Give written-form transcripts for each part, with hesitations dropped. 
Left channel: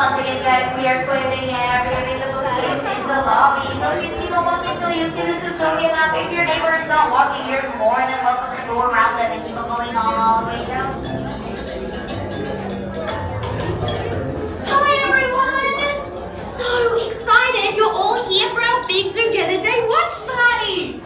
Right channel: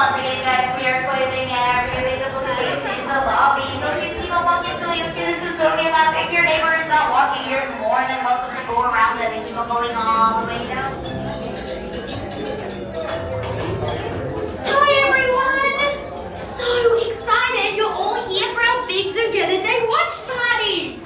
Once again, guys, we are clearing every available space in the lobby. So please keep on walking till you see the Zootopia map. If your neighbor is not walking, you're more than welcome to go around them and keep on going all the way down. Hi everyone! So excited you're all here for our big Zoogether Day watch party!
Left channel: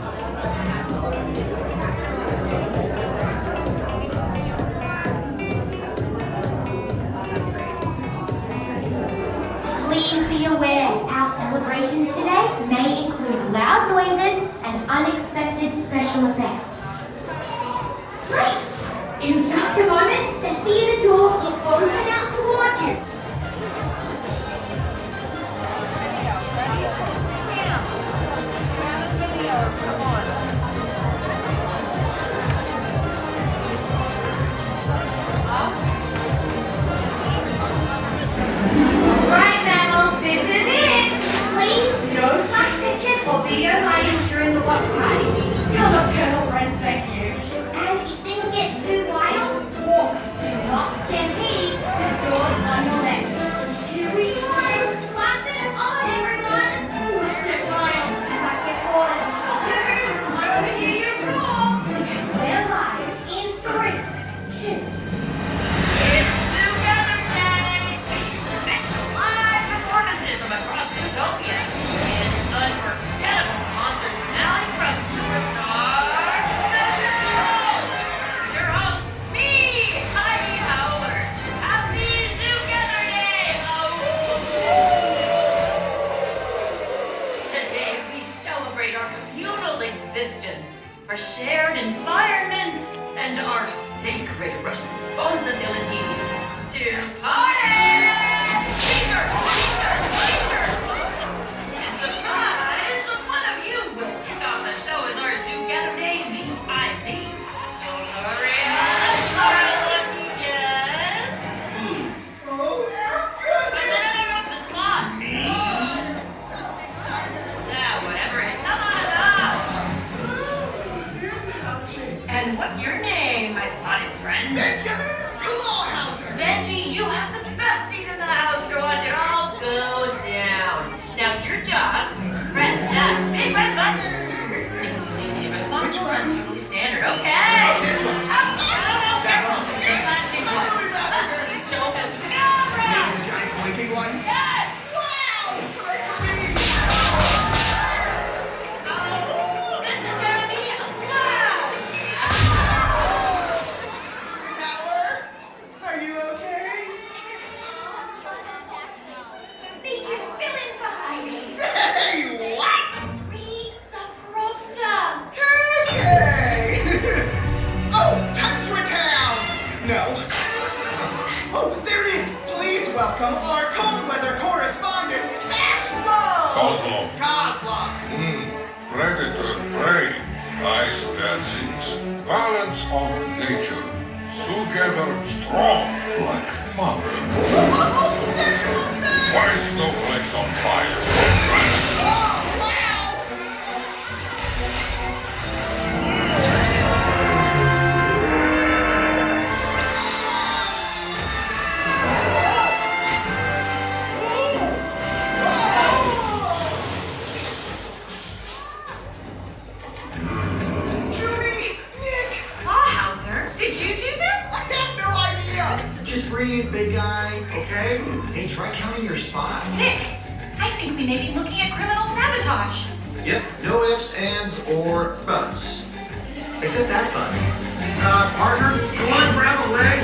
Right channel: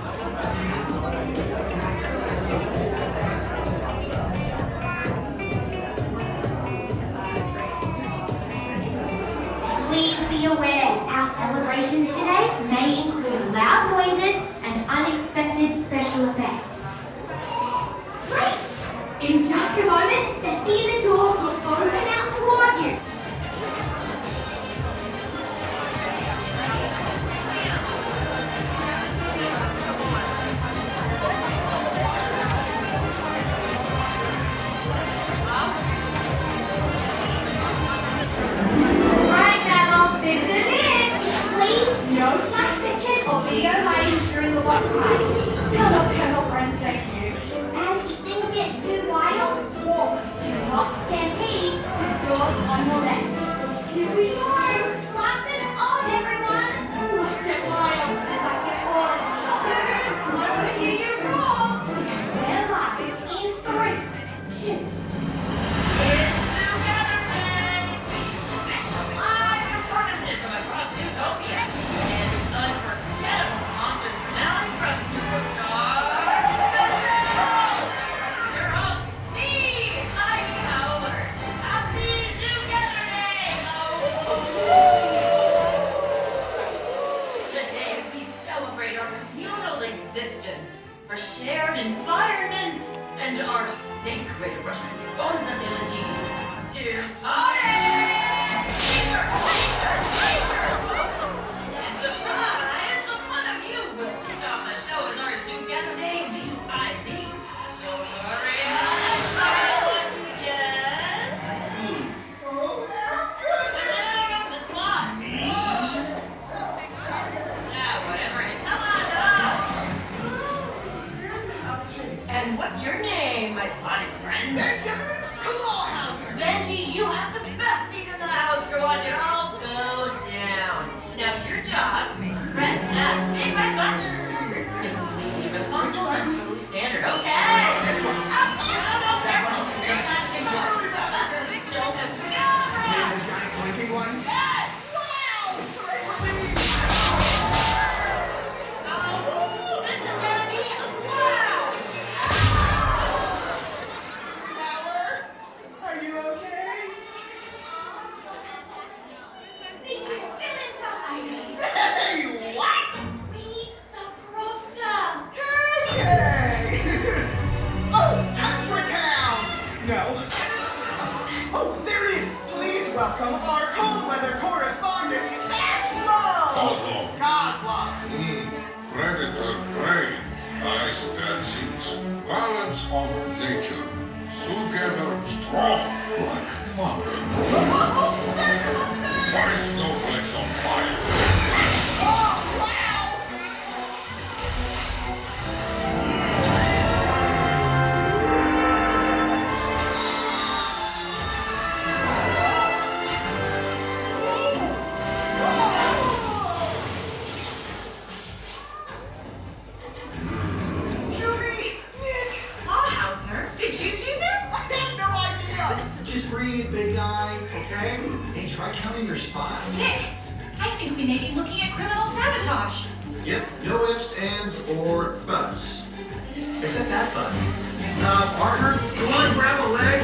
Please be aware, our celebrations today may include loud noises and unexpected special effects. Great! In just a moment, the theatre doors will open out toward you. Right, mammals, this is it! Please, no flash pictures or video lighting during the watch party. Your nocturnal friends, thank you. And if things get too wild, walk. Do not stampede to the doors on the left. Here we go! Class it on, everyone! Let's get wild. Back at horse. Scooters, I want to hear you roar. Because we're live in 3, 2, It's Zoogether Day! Featuring special live performances from across Zootopia and unforgettable concert finale from superstar your host, me, Heidi Howard. Happy Zoogether Day! Today we celebrate our communal existence, our shared environment, and our sacred responsibility to party! Teacher! Teacher! Teacher! And surprise! One of you will kick off the show as our Zoogether Day VIC. So hurry up, our lucky guest! But then I the slot. Yeah, whatever. Come on up! And what's your name, my spotted friend? Benjamin Clawhauser! Benji, you have the best seat in the house to watch it all go down. Now your job, press that big red button. Be responsible and totally standard, okay? Oh, this one. No, careful. The flashing one. You don't have Maybe the giant blinking one? Yes! Wow! Oh, this is gonna be wow! Miss Howard? Are you okay? Need you to fill in for Heidi. Say what? Read the prompter. Okay! Oh, Tundratown! No. Oh, there it is! Please welcome our cold weather correspondent, Cashmo! Kozlov! Predator prey, ice dancings, balance of nature, together strong like mother. Oh, special effects! Why snowflakes on fire? Oh, wow! Judy! Nick! Hauser, did you do this? I have no idea! Just breathe, big guy, okay? Hey, try counting your spots. Nick, I think we may be looking at criminal sabotage. Yep, no ifs, ands, or buts. Except that button. Partner, you want to grab a leg?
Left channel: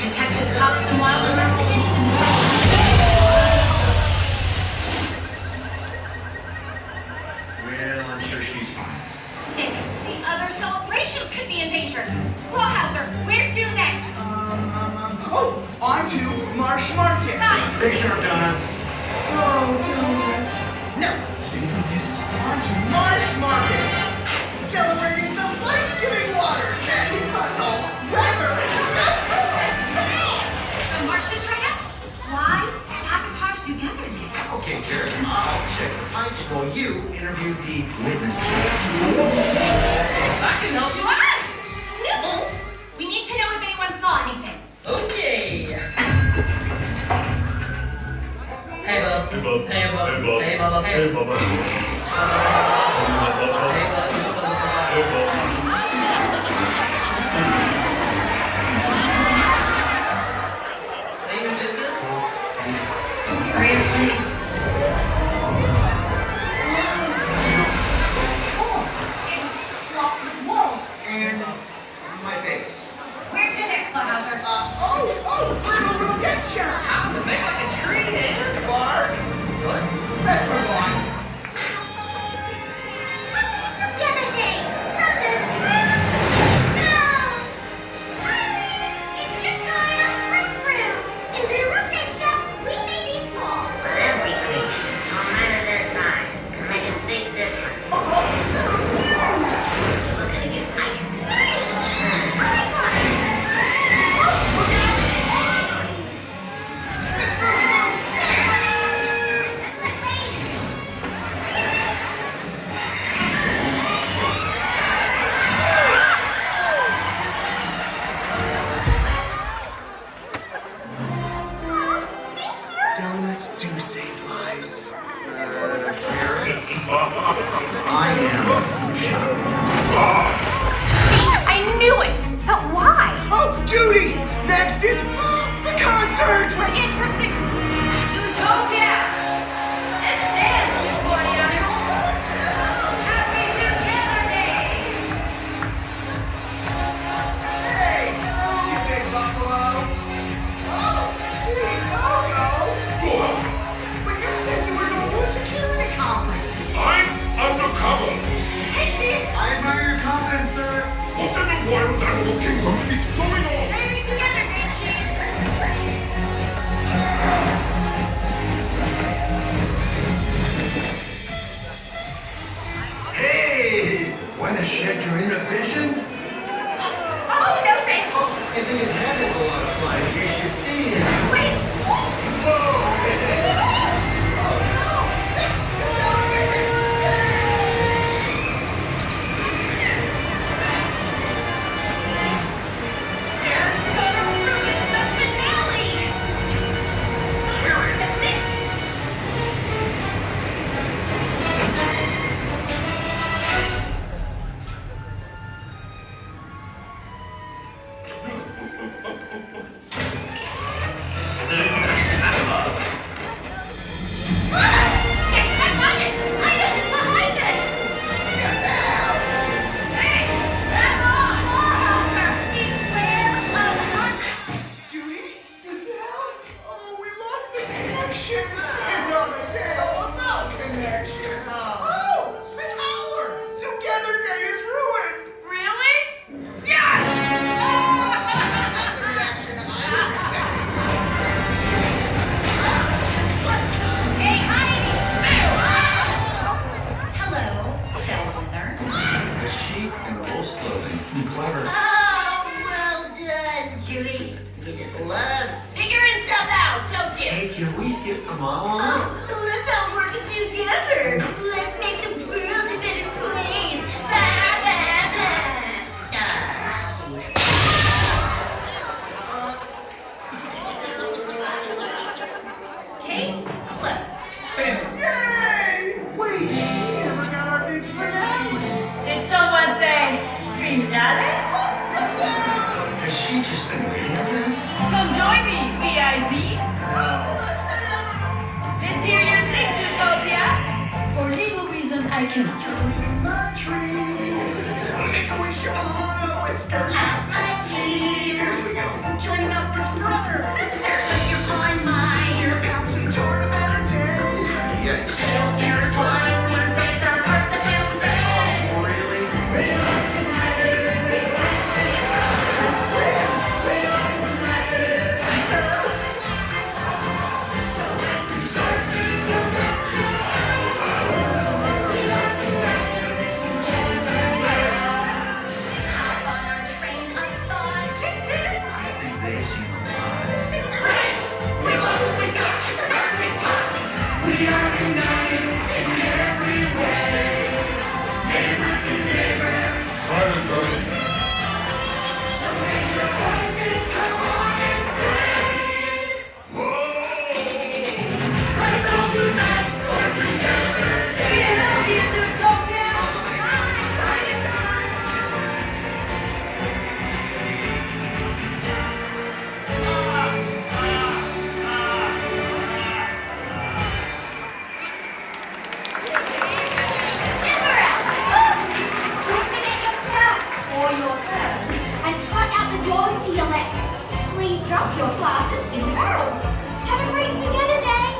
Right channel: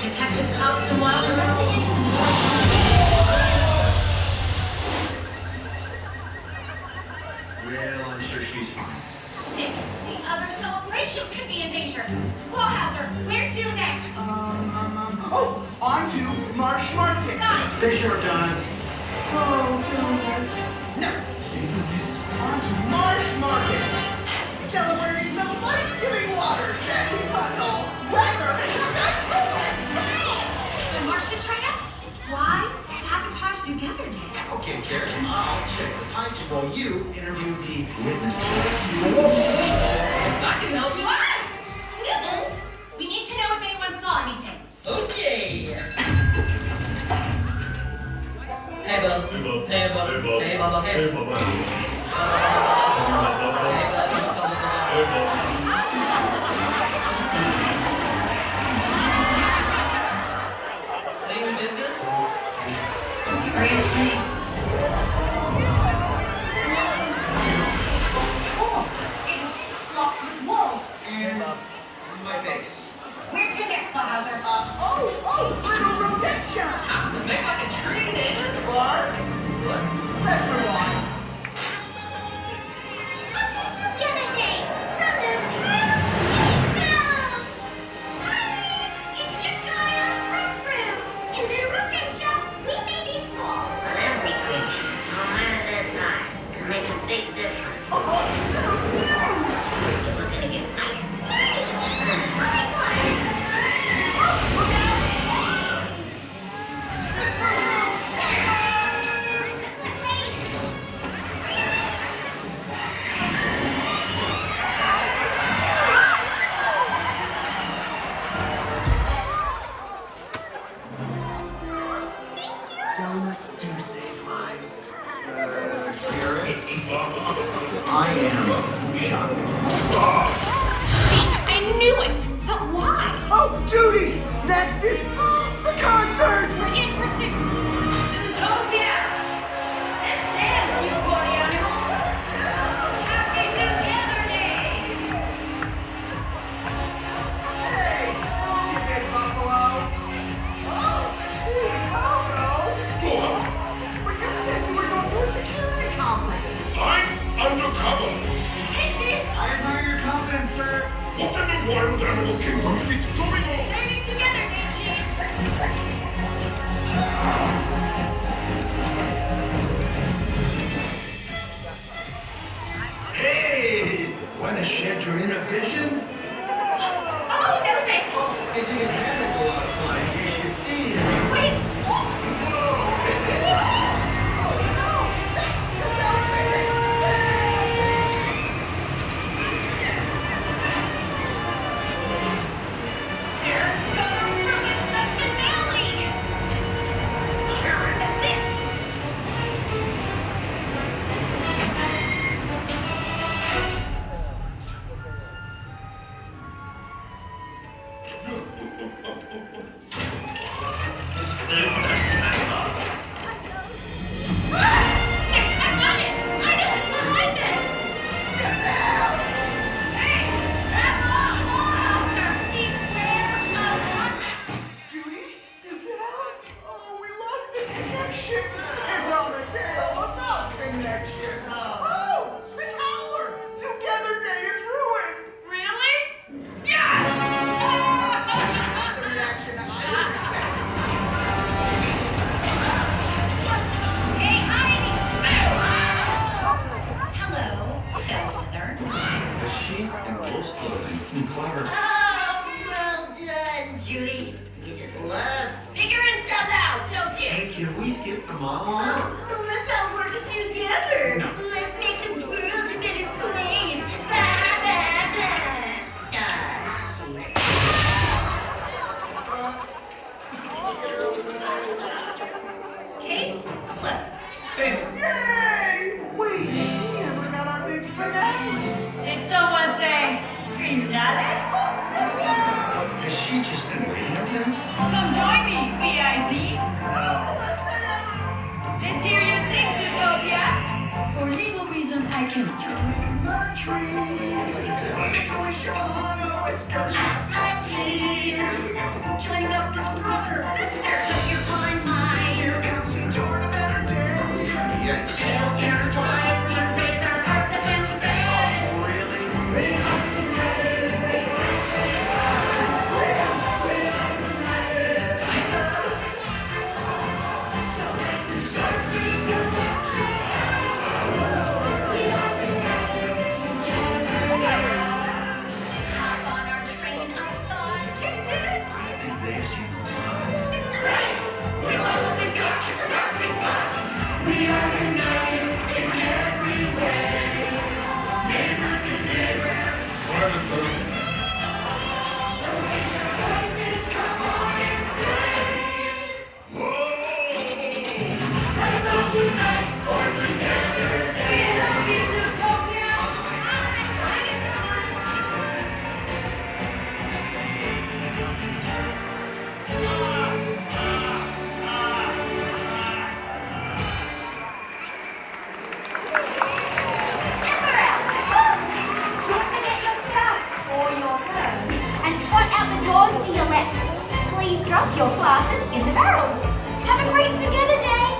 Detectives Hobbs and Wilde investigating. Well, I'm sure she's fine. Nick, the other celebrations could be in danger. Clawhauser, where to next? Oh, on to Marsh Market. Nice. Stay sharp, donuts. Oh, donuts. No, stay focused. On to Marsh Market. Celebrating the life-giving waters that keep us all wetter The march just tried out. Why sabotage Zoogether Day? Okay, Carrot, I'll check the pipes while you interview the witnesses. I can help you out. Nibbles? We need to know if anyone saw anything. Okay. Hey, bub. Hey, bub. Hey, bub. Hey, bub. Hey, bub. Hey, bub. Hey, bub. Hey, bub. See who did this? Seriously? Oh, it's locked with Walt. And my face. Where's your next Bauhauser? Little Rodentia! Time to make like a tree, then. Bark! What? Let's move on. Happy Zoogether Day from the Shrimp Angels! Hi, it's your Kyle from Brew. In Little Rodentia, we may be small. But every creature, no matter their size, can make a big difference. Oh, so cute! You're looking to get iced. Donuts do save lives. I am shocked. I knew it! But why? Oh, Judy! Next is the concert! We're in pursuit. Zootopia! Let's dance, you party animals! Happy Zoogether Day! Hey, move you big buffalo! Oh, gee, Bogo! Go But you said you were going to a security conference! I'm undercover. Hey, Chief! I admire your confidence, sir. What in the wild animal kingdom is going on? Saving Zoogether Day, Chief! Hey! Want to shed your inhibitions? Oh, no thanks! You think his head is a lot of flies? You should see his. Wait! They're gonna ruin the finale! That's it! Hey, I found it! I know who's behind this! Hey! That's on! Bauhauser! Beware of what? Judy, is it out? Oh, we lost the connection! And on a tale about connection! Oh, Miss Howler! Zoogether Day is ruined! Really? Yeah! Not the reaction I was expecting. Hey, Heidi! Hello, Bellwether. A sheep in wolf's clothing. Clever. Oh, well done, Judy. You just love figuring stuff out, don't you? Hey, can we skip the monologue? Oh, let's all work together. Let's make the world a better place. Blah, blah, blah. Shit. Case closed. Boom. Yay! Wait, we never got our big finale! Did someone say finale? Has she just been waiting up there? Come join me, VIZ. Let's hear you sing, Zootopia. For legal reasons, I cannot. In my dream, make a wish upon a whisker. Here we go. Joining up as brother, sister, put your paw in mine. We're bouncing toward a better day. Yikes. Tails intertwined, we raise our hearts up and we say, Really? hop on our train of thought. Toot toot. I think they've seen a lot. Great. We love what we got. It's a melting pot. We are united. to your left. Please drop your glasses in the barrels. Have a great Zoogether day!